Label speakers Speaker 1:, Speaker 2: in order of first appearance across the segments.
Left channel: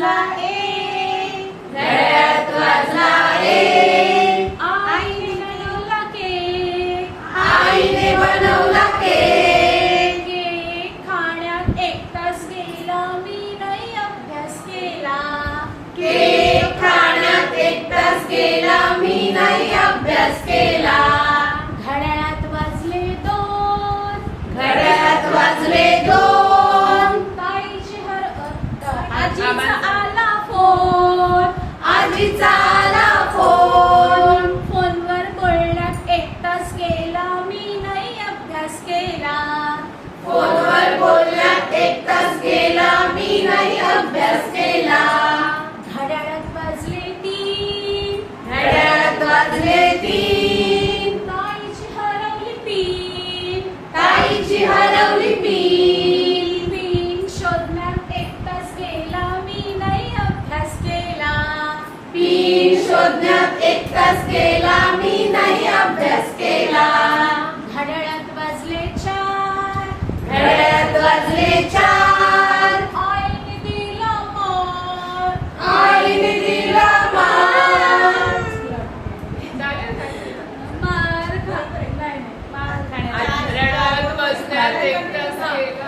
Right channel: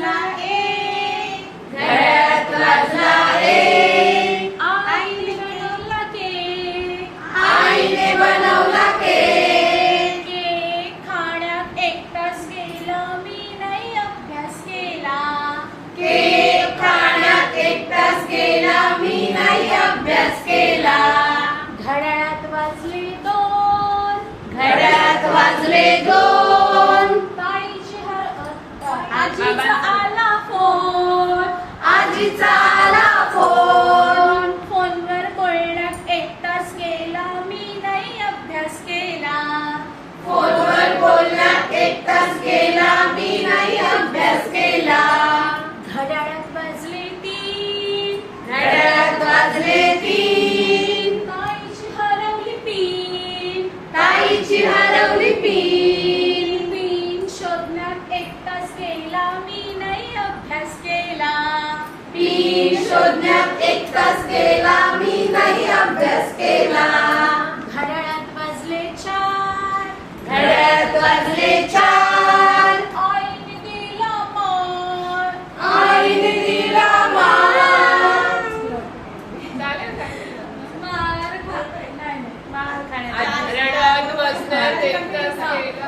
Speaker 1: वाजला एक
Speaker 2: घड्याळात वाजला एक
Speaker 1: आईने बनवला केक.
Speaker 2: आईने बनवला केक.
Speaker 1: केक खाण्यात एक तास गेला मी नाही अभ्यास केला.
Speaker 2: केक खाण्यात एक तास गेला मी नाही अभ्यास केला.
Speaker 1: घड्याळात वाजले दोन.
Speaker 2: घड्याळात वाजले दोन.
Speaker 1: आजीचा आला फोन.
Speaker 2: आजीचा आला फोन.
Speaker 1: फोनवर बोलण्यात एक तास गेला. मी नाही अभ्यास केला.
Speaker 2: फोनवर बोलण्यात एक तास गेला. मी नाही
Speaker 1: शोधण्यात एक तास गेला मी नाही अभ्यास केला घड्याळात वाजले चार
Speaker 2: घड्याळात वाजले चार
Speaker 1: आईने दिला मार
Speaker 2: आईने दिला मार
Speaker 1: मार खा- नाही, नाही, मार खाण्याचा.
Speaker 3: रडत बसण्यात एक तास
Speaker 1: केला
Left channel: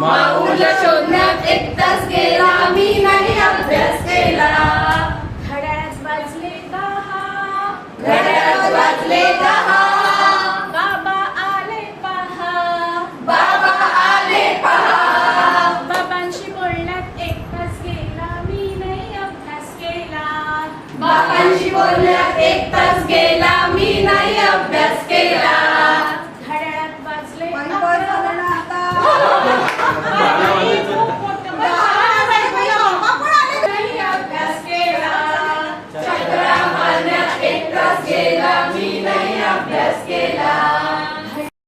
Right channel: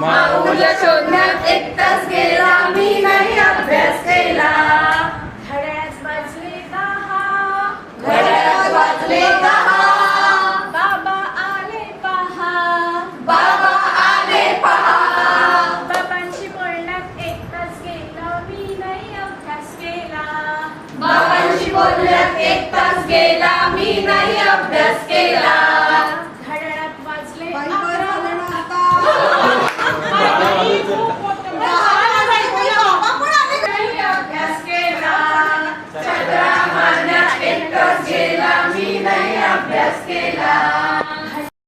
Speaker 1: माऊल शोधण्यात एकटाच गेला मी नाही अभ्यास केला. घड्याळात वाजले दहा.
Speaker 2: घड्याळात वाजले दहा.
Speaker 1: बाबा आले पहा.
Speaker 2: बाबा आले पहा.
Speaker 1: बाबांशी बोलण्यात एकटाच गेला मी नाही अभ्यास केला.
Speaker 2: बाबांशी बोलण्यात एकटाच गेला मी नाही अभ्यास केला. que la